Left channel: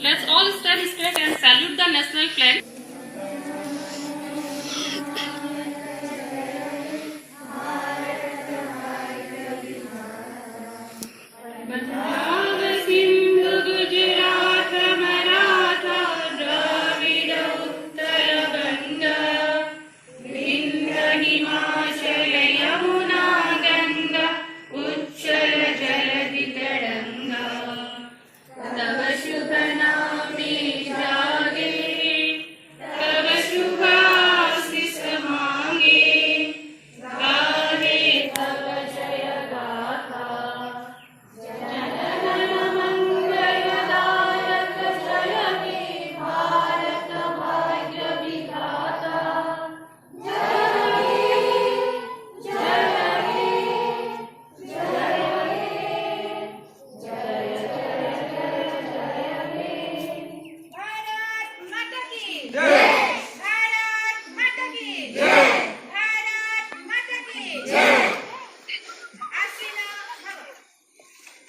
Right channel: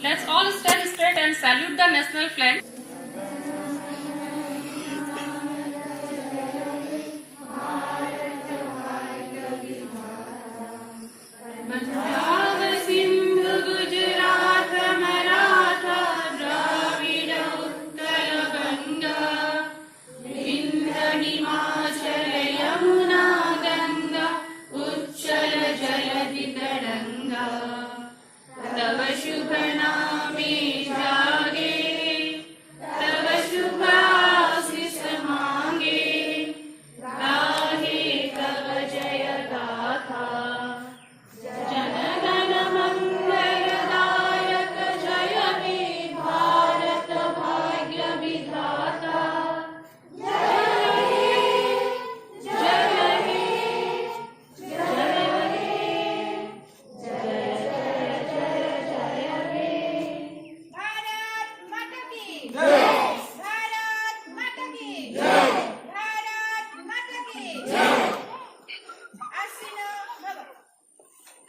Let's all stand straight and salute the national flag.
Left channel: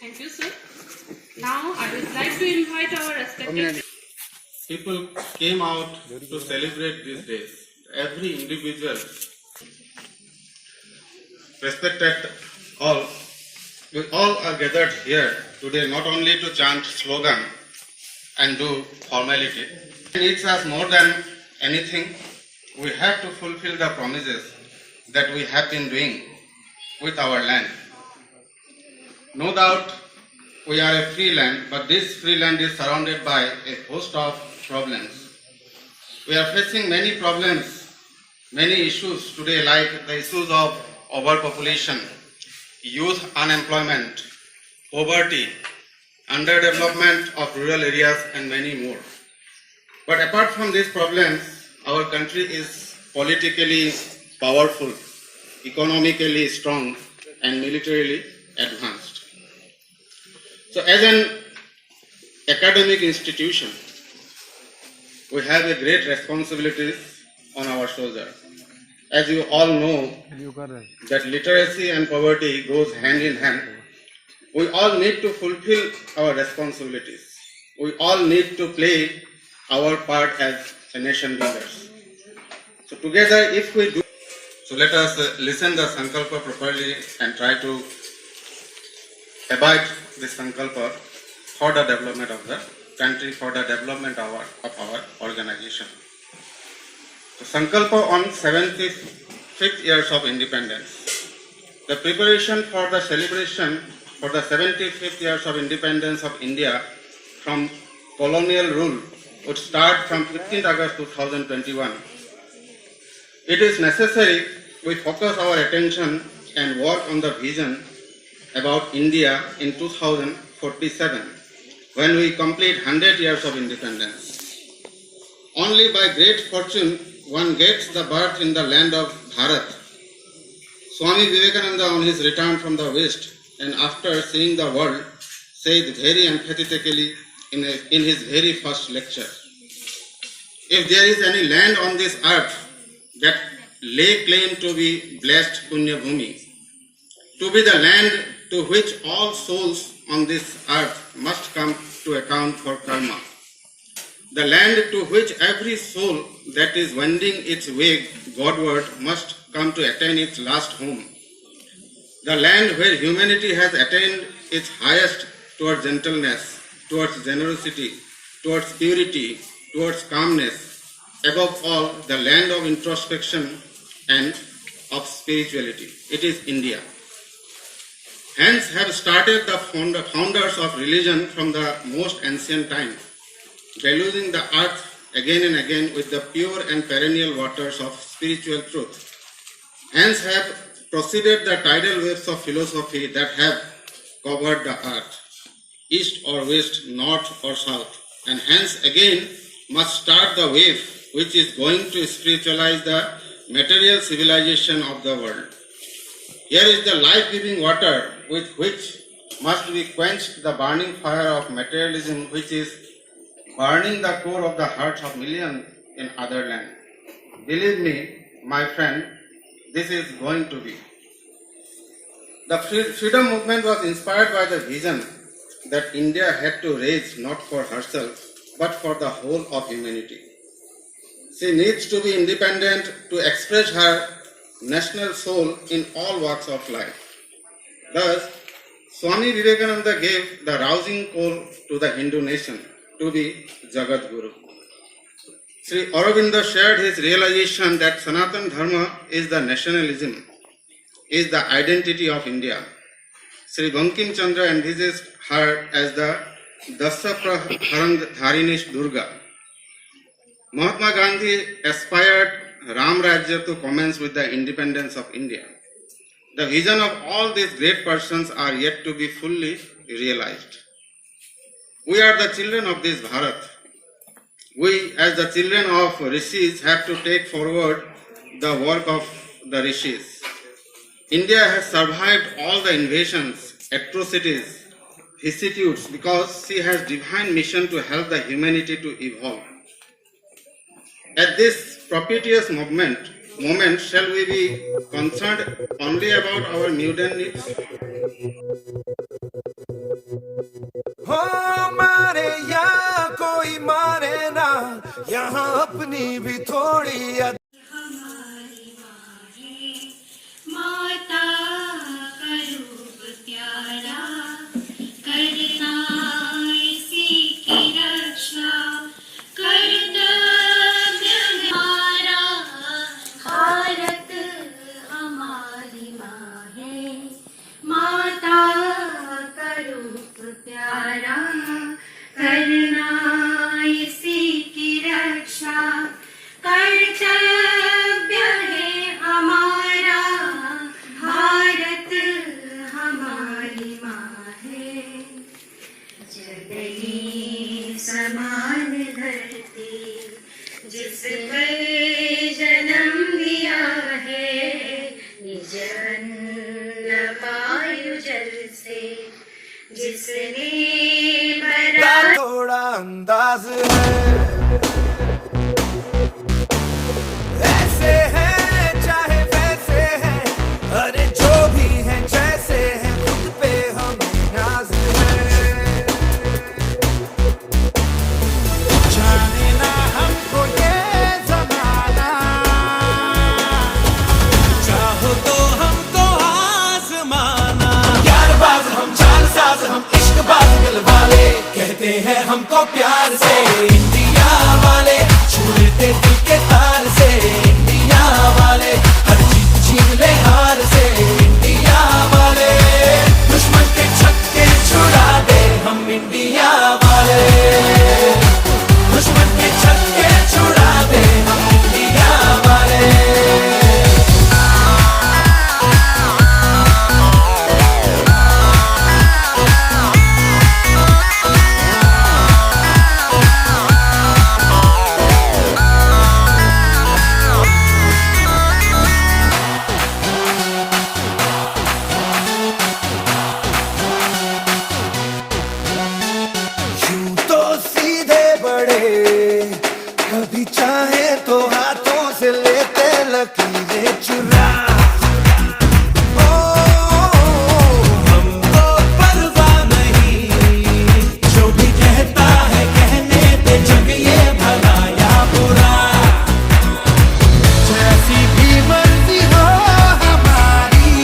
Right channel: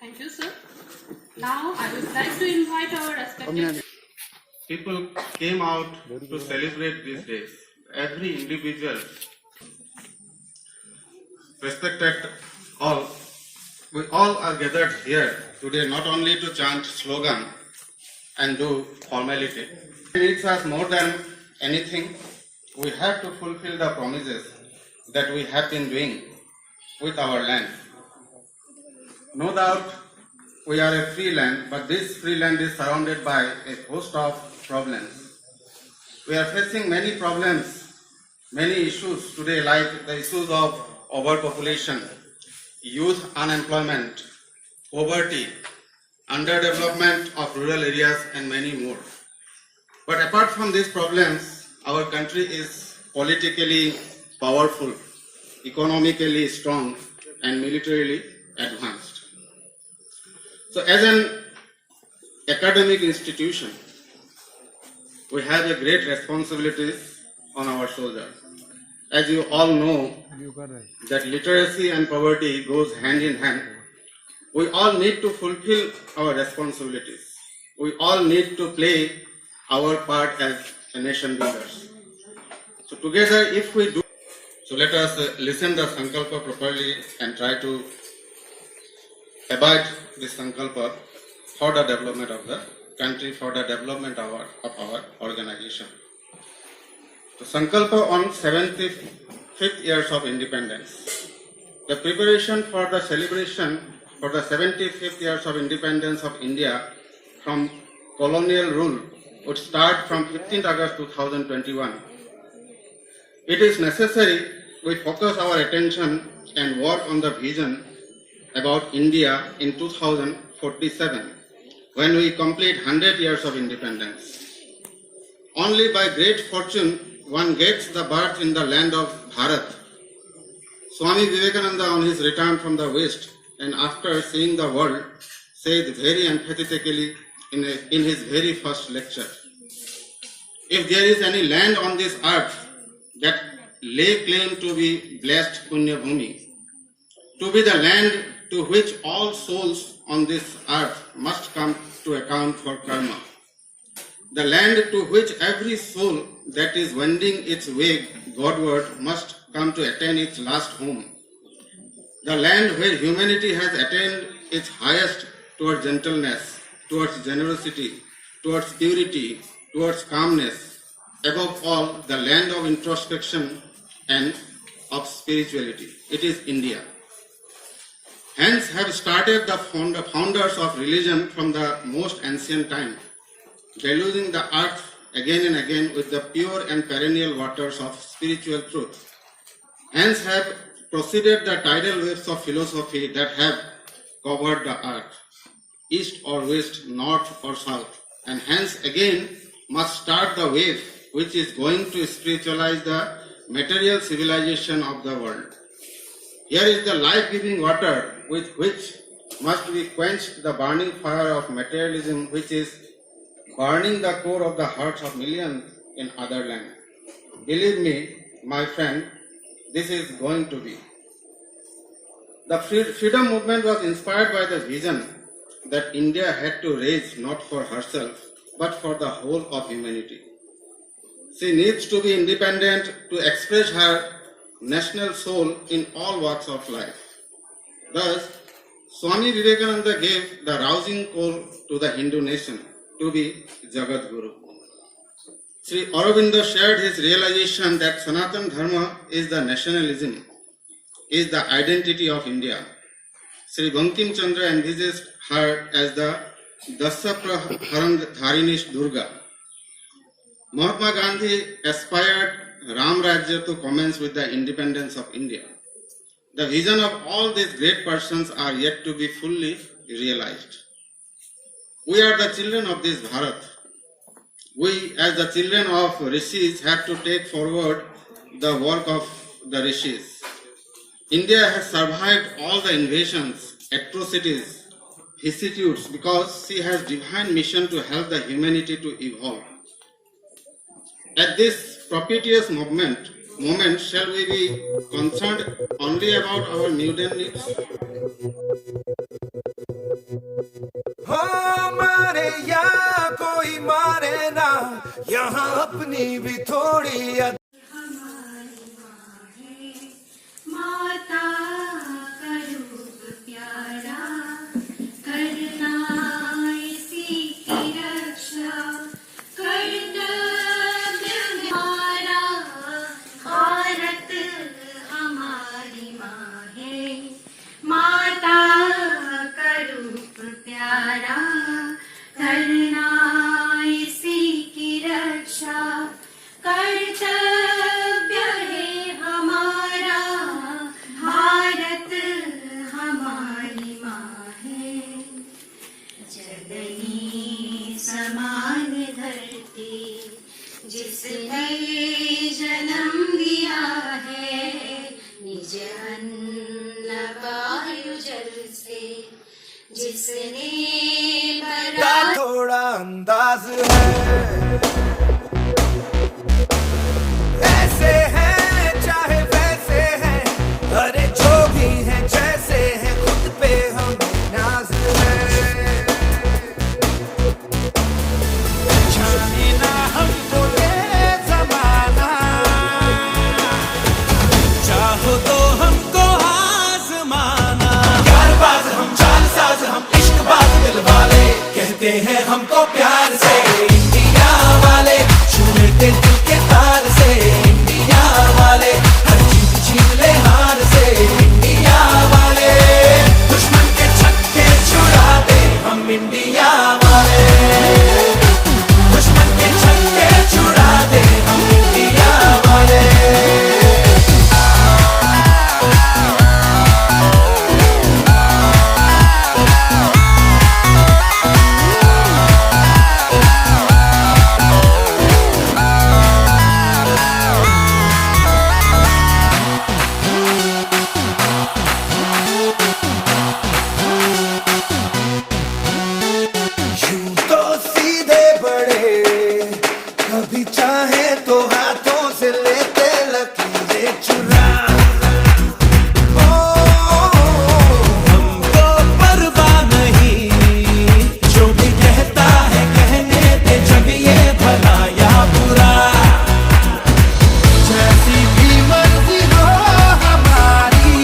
Thank you, sir. Now I would like to invite our respected people came out to celebrate these days. Every individual, respected all, we all are gathered here today not only to chant slogan and do formality. It needs us more than anything. We have to fulfill the promises that we have been doing with our land. No doubt we are a free land, but this free land is surrounded by a host of problems. We are facing many problems, many issues today, like the issues of overpopulation, youth unemployment, poverty, underdevelopment of rural areas, and many more. But apart from these problems, our country is politically powerful, economically strong, and militarily advanced. So as an academic institution, we have a great responsibility on our shoulders. As you all know, that literacy and poverty goes hand in hand. We all need to fulfill our responsibilities. We all need to play our part as a nation builders. So together, if we do, so let us listen the Sankalpa properly and try to abide this Sankalpa for the development of the country, for the development of our organization. So Sankalpa on 75th years of independence. The preparation for the celebration for the 75th years of independence of India from colonial rule would start from 15th August 2021. It is necessary we focus our attention and work on the vision about India in 2047 when we complete 100 years of independence. Only by great fortune one gets the birth in the land of Bharat. Swami Vivekananda on his return from the West and after seeing the world said very emphatically in his very first lecture, if there is any land on this earth that lay claim to be blessed Punya Bhumi, to be the land to which all souls on this earth must come to account for karma, the land to which every soul that is wending its way Godward must come to attain its last home, the land where humanity has attained its highest towards gentleness, towards generosity, towards purity, towards calmness, above all, the land of introspection and of spirituality. It is India. Hence have started the founders of religion from the most ancient time, deluging the earth again and again with the pure and perennial waters of spiritual truth. Hence have proceeded the tidal waves of philosophy that have covered the earth, east or west, north or south, and hence again must start the wave which is going to spiritualize the material civilization of the world. Here is the life-giving water with which must be quenched the burning fire of materialism which is burning the core of the hearts of millions in other land. Believe me, my friend, this is going to be. The freedom movement was inspired by the vision that India had to raise not for herself, but for the whole of humanity. She needs to be independent to express her national soul in all walks of life. Thus, Swami Vivekananda gave the rousing call to the Hindu nation to be Jagat Guru. Sri Aurobindo shared his realization that Sanatana Dharma is the nationalism, is the identity of India. Sri Bankim Chandra envisaged her as the Dasapraharandharinish Durga. Mahatma Gandhi aspired Ram Rajya to commence with the independence of India. The vision of all these great persons are yet to be fully realized. We are the children of this Bharat. We, as the children of rishis, have to take forward the work of the rishis. India has survived all the invasions, atrocities, vicissitudes because she has divine mission to help the humanity to evolve. At this propitious moment, shall we be concerned only about our mundane needs? मारे या कोई मारे ना यहाँ अपनी भी थोड़ी हमारी माँ है माता का रूप प्यारा करना इसी की रक्षा कर्तव्य हमारा भारत हमारी माँ है माता का रूप प्यारा करना इसी की रक्षा कर्तव्य है हमारा भारत हमारी माँ है जननी समान धरती जिस पर जन्म दिया है निज अन्न वायु जल से जिसने का थोड़ा अंदाज है ऐसे हैं चाहे वैसे हैं अरे जो भी हैं जैसे हैं खुद पे हमें नाज है जाने ना हमको ये जमाना चाहो तो हमको आजमाना यारबाज हम चालसाज हम इश्कबाज दिल वाले कहते हैं हमको प्यार से चाहे तो हाथों से लेते लकीरें चुरा। ओ हमको परवाह नहीं, जो भी कहता है कहने दे, जग ये भला या बुरा। जैसी भी मर्जी हो हमारी,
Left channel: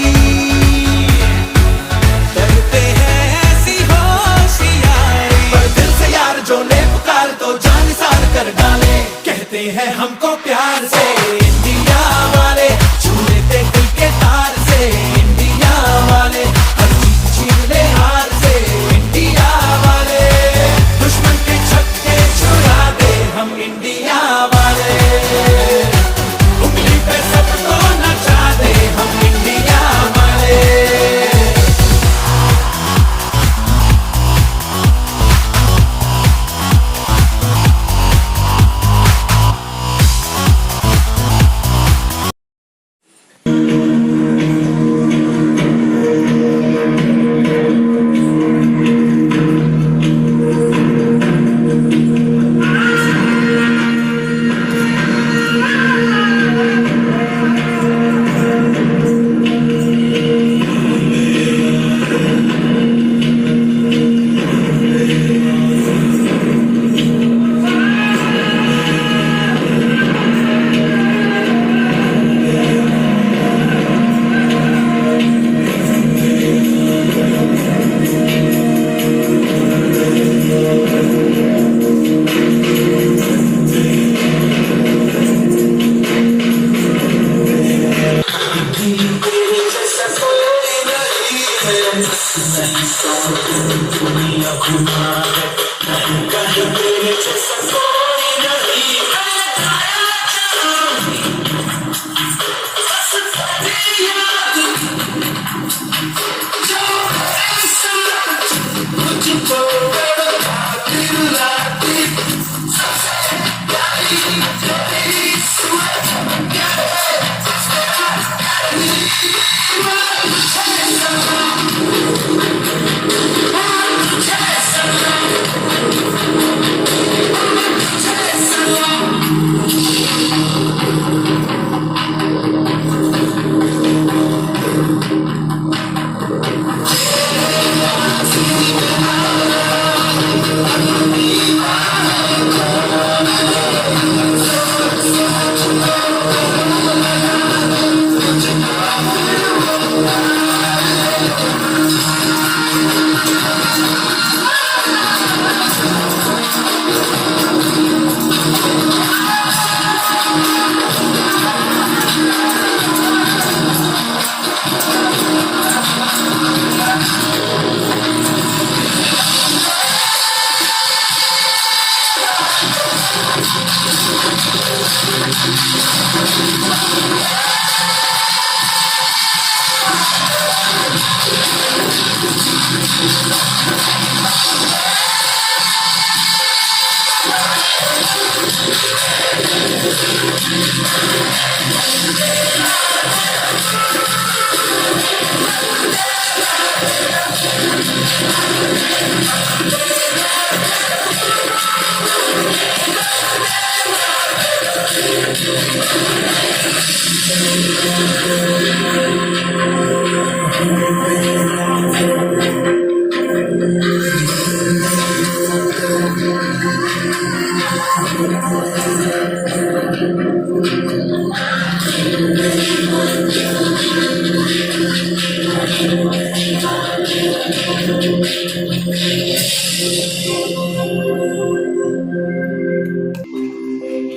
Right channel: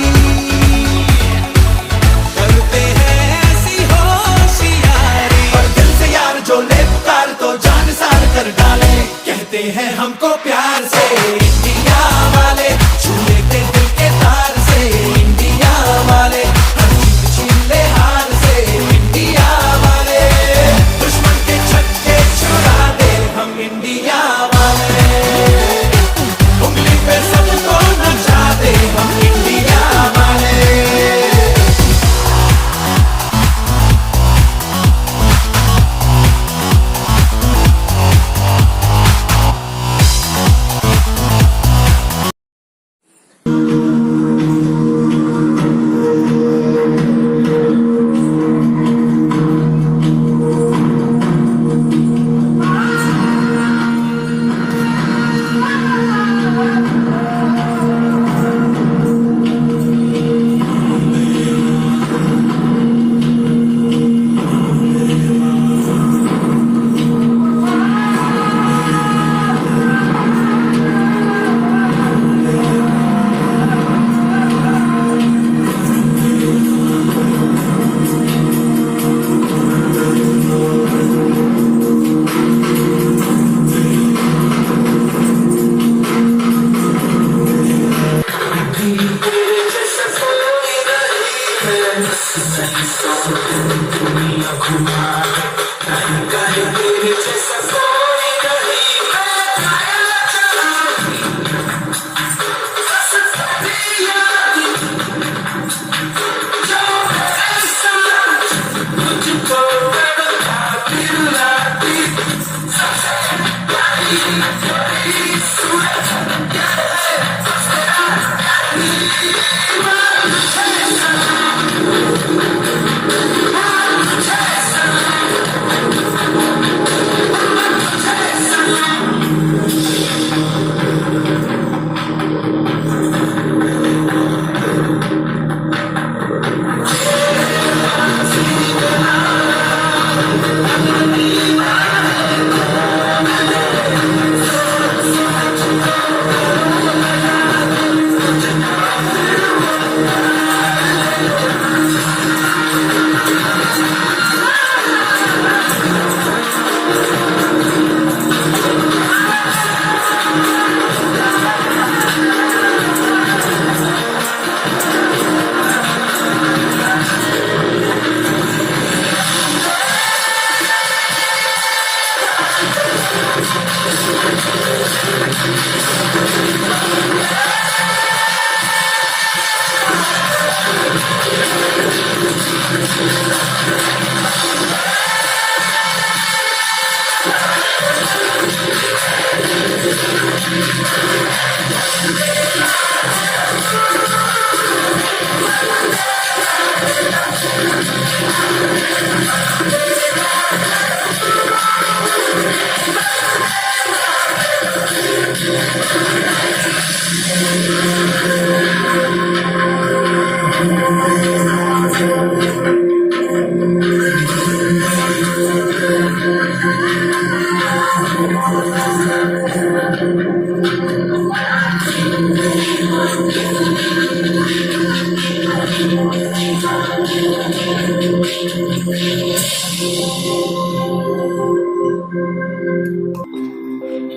करते हैं ऐसी होशियारी। पर दिल से यार जो ने पुकार तो जान सार कर डाले, कहते हैं हमको प्यार से इंडिया वाले, छू लेते दिल के तार से इंडिया वाले, हर जीत छीन ले हार से इंडिया वाले, दुश्मन के छक्के छुड़ा दे हम इंडिया वाले, उंगली पे सबको नचा दे हम इंडिया वाले।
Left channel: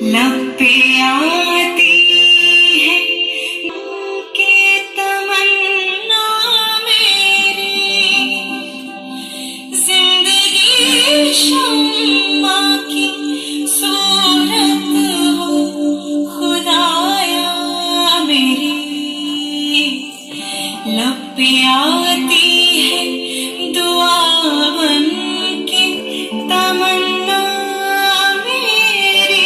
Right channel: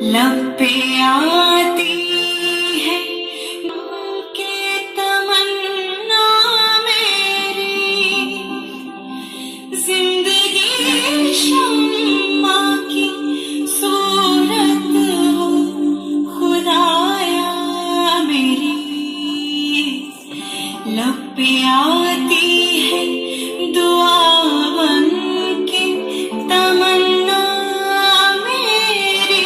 लब पे आती है के तमन्ना मेरी, जिंदगी शम्मा की सूरत हो खुदाया मेरी। लब पे आती है दुआ बन के तमन्ना मेरी।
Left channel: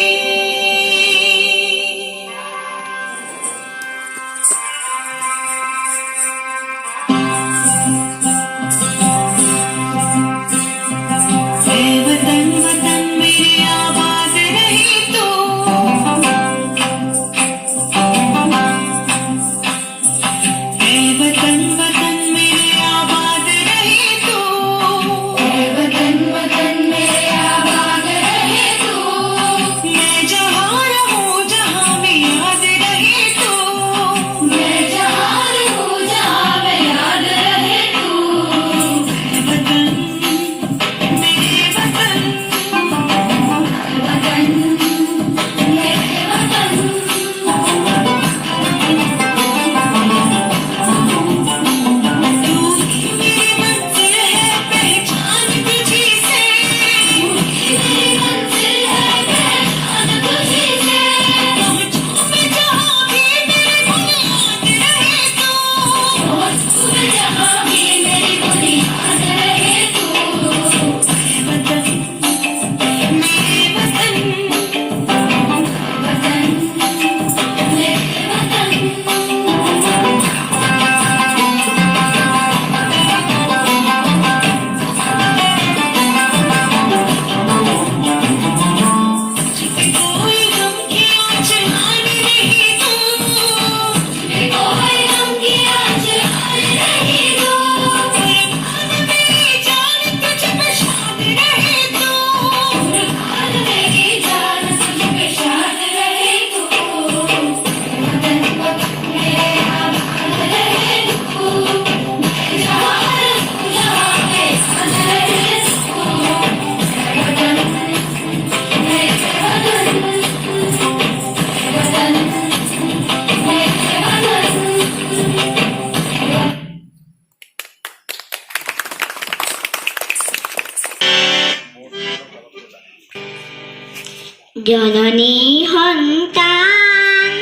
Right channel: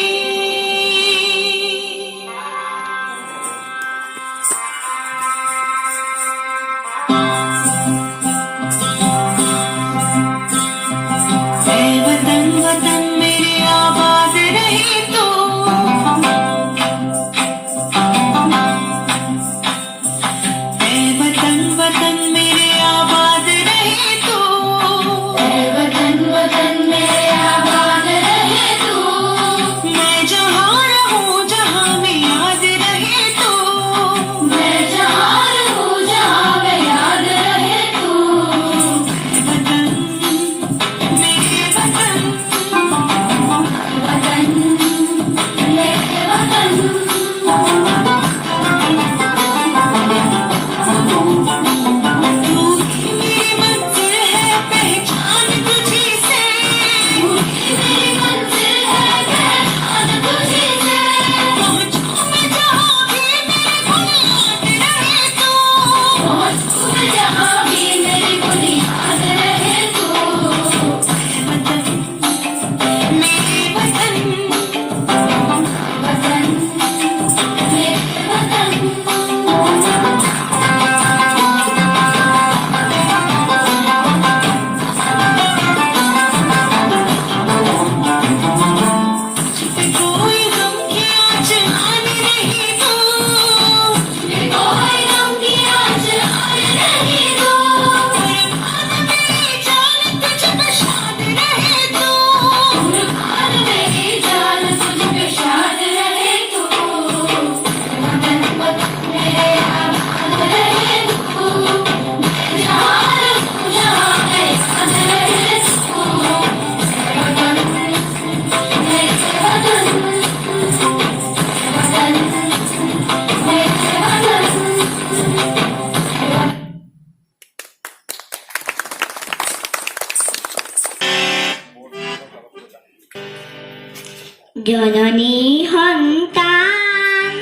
সন্তান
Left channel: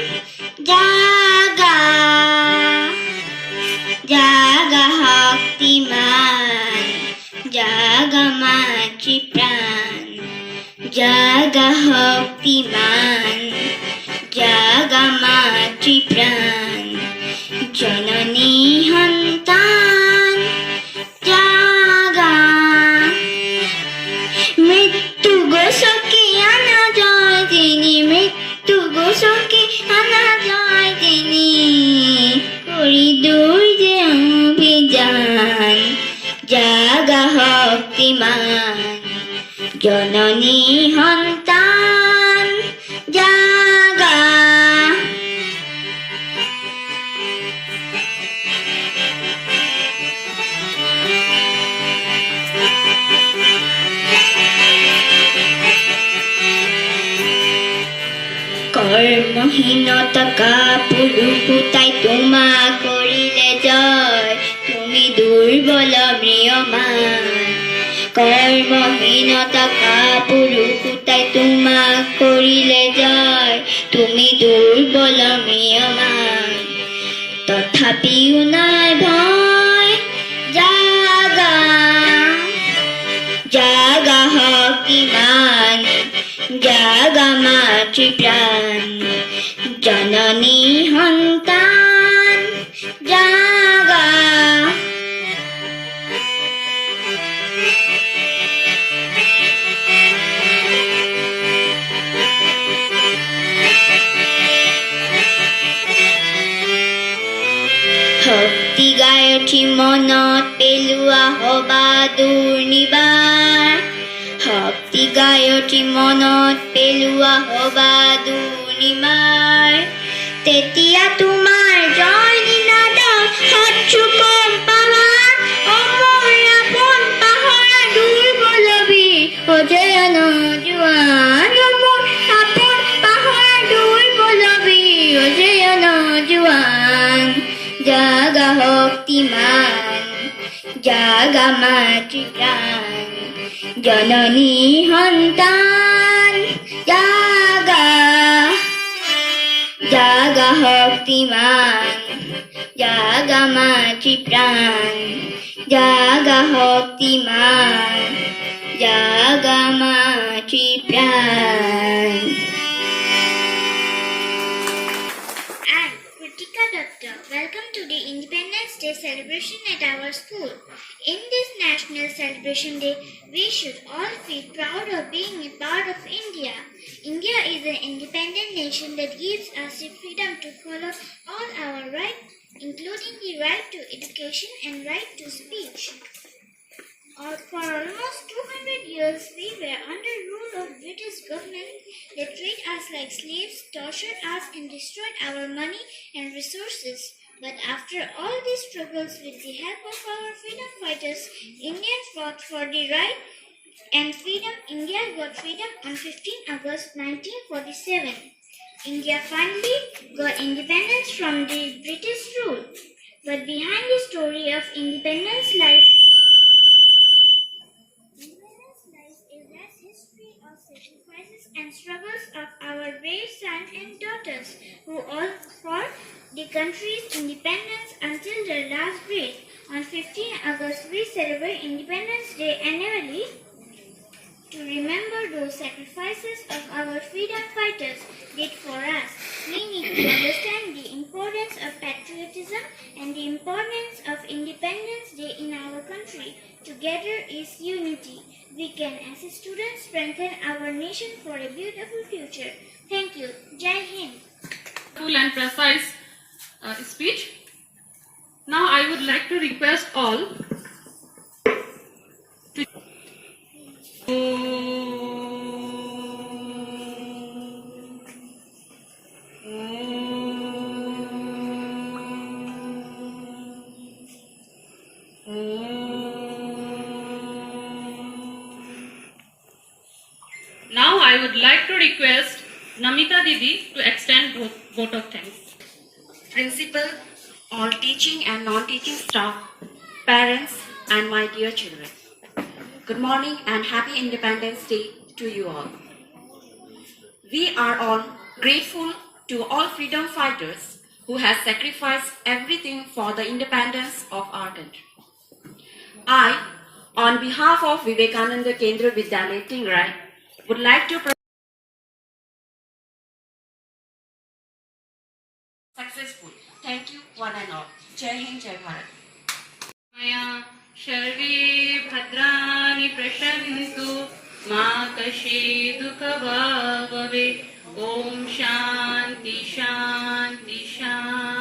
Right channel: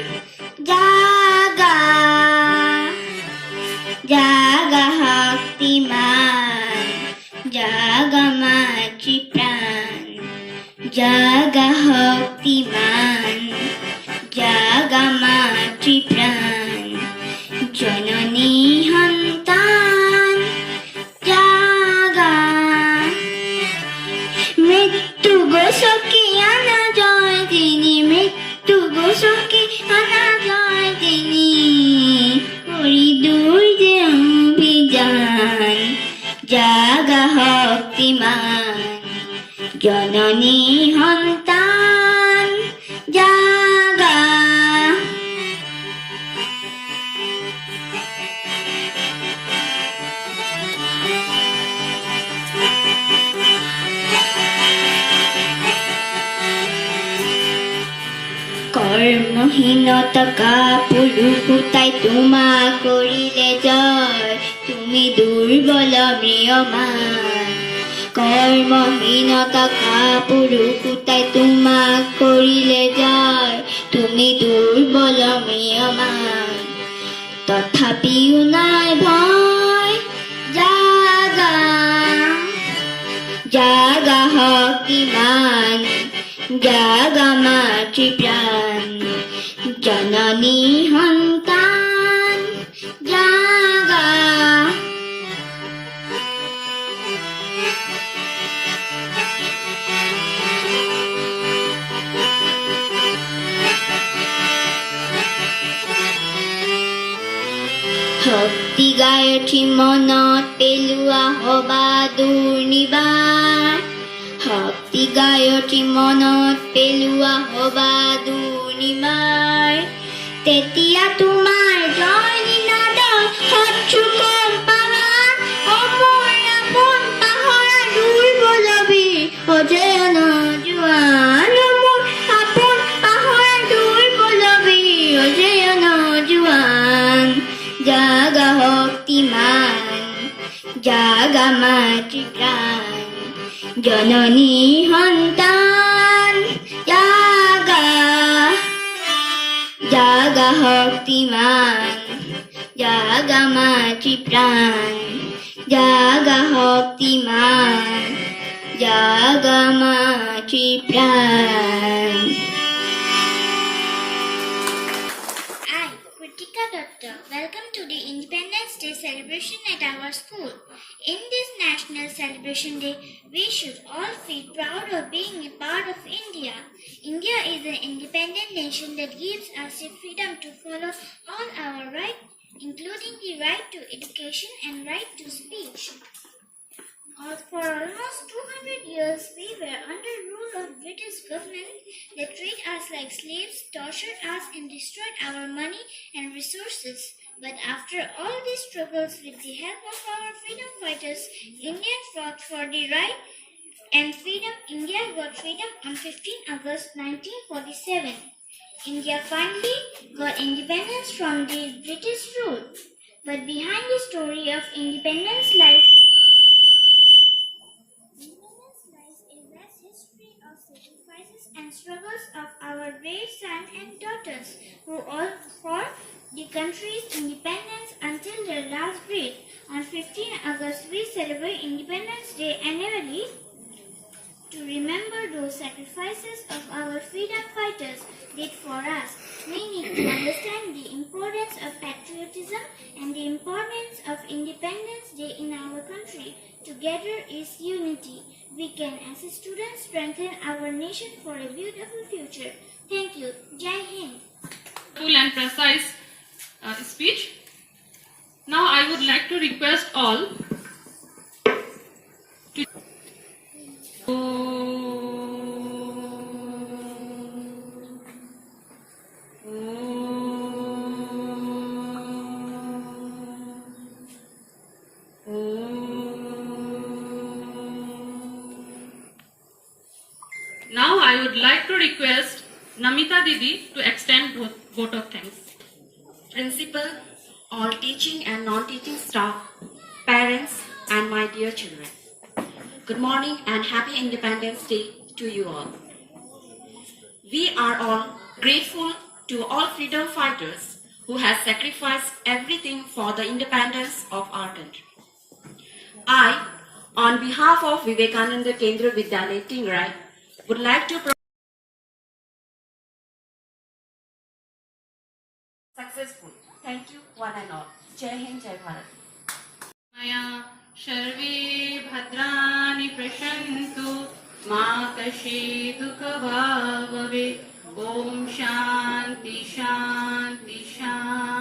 জাগা জাগা শক্তিমান জাগা মাতৃপ্রাণ জাগা শক্তিমান জাগা মাতৃপ্রাণ জননী সন্তান জাগা মৃত্যু গছকি আনা জয় তিনি মৃত্যু গছকি আনা জয় তিনি কৰি দূৰ যে অভিযান জাগা শক্তিমান জননী সন্তান জাগা কৰ্মহীনতা কাপুৰুষ তাই তোমাক কৰিলে জয় তুমি দুৰ্বল ম্ৰিয়মান কৰ্মহীনতা কাপুৰুষ তাই তোমাক কৰিলে জয় তুমি দুৰ্বল ম্ৰিয়মান তথাপিও নাই ভয় জাগা জাগা শক্তিমান জাগা মাতৃপ্ৰাণ জননী সন্তান জাগা শক্তি গাই উঠি মনত পেলোৱা হবা দুৰ্নিবাৰ শক্তি গাই উঠি মনত পেলোৱা হবা দুৰ্নিবাৰ তেতিয়া তোমাৰ জয় নিনাদৰ শত্ৰু কম পাহাৰ অমৰ আপোন পাহৰা দুৰ্বল বীৰ অজয় নজোৱান অমৰ আপোন পাহৰা দুৰ্বল বীৰ অজয় নজোৱান জাগা শক্তিমান জাগা মাতৃপ্ৰাণ জননী সন্তান জাগা জাগা শক্তিমান জাগা মাতৃপ্ৰাণ জাগা শক্তিমান জাগা মাতৃপ্ৰাণ I'm Kritika Datta. Welcome to the Independence Day celebration at our school. In this national celebration day, we should all feel proud of being a part of India. India is an independent nation that gives us the freedom to follow all our rights, including the right to education and right to speech. For almost 200 years, we were under rule of British government. They treated us like slaves, tortured us and destroyed our money and resources. But after all these struggles, with the help of our freedom fighters, India fought for the right and freedom. India got freedom on 15 August 1947. India finally got independence from the British rule. But behind the story of independence lies a vast history of sacrifices and struggles of our brave sons and daughters who all fought the country's independence until their last breath. On 15 August, we celebrate Independence Day annually to remember those sacrifices of our freedom fighters did for us. We need to understand the importance of patriotism and the importance of Independence Day in our country. Together is unity. We can, as students, strengthen our nation for a beautiful future. Thank you. Jai Hind. Full and precise speech. Now I would like to request all to Now I would like to request Namita Didi to extend vote of thanks. Principal, all teaching and non-teaching staff, parents, and my dear children. Good morning and happy Independence Day to you all. We are all grateful to all freedom fighters who have sacrificed everything for the independence of our country. I, on behalf of Vivekananda Kendra Vidyalaya Tingrai, would like to successful. Thank you one and all. Jai Hind, Jai Bharat. मया सर्वे भद्राणि पश्यन्तु मा कश्चित् दुःखभाग् भवेत्। ॐ शान्ति शान्ति शान्ति।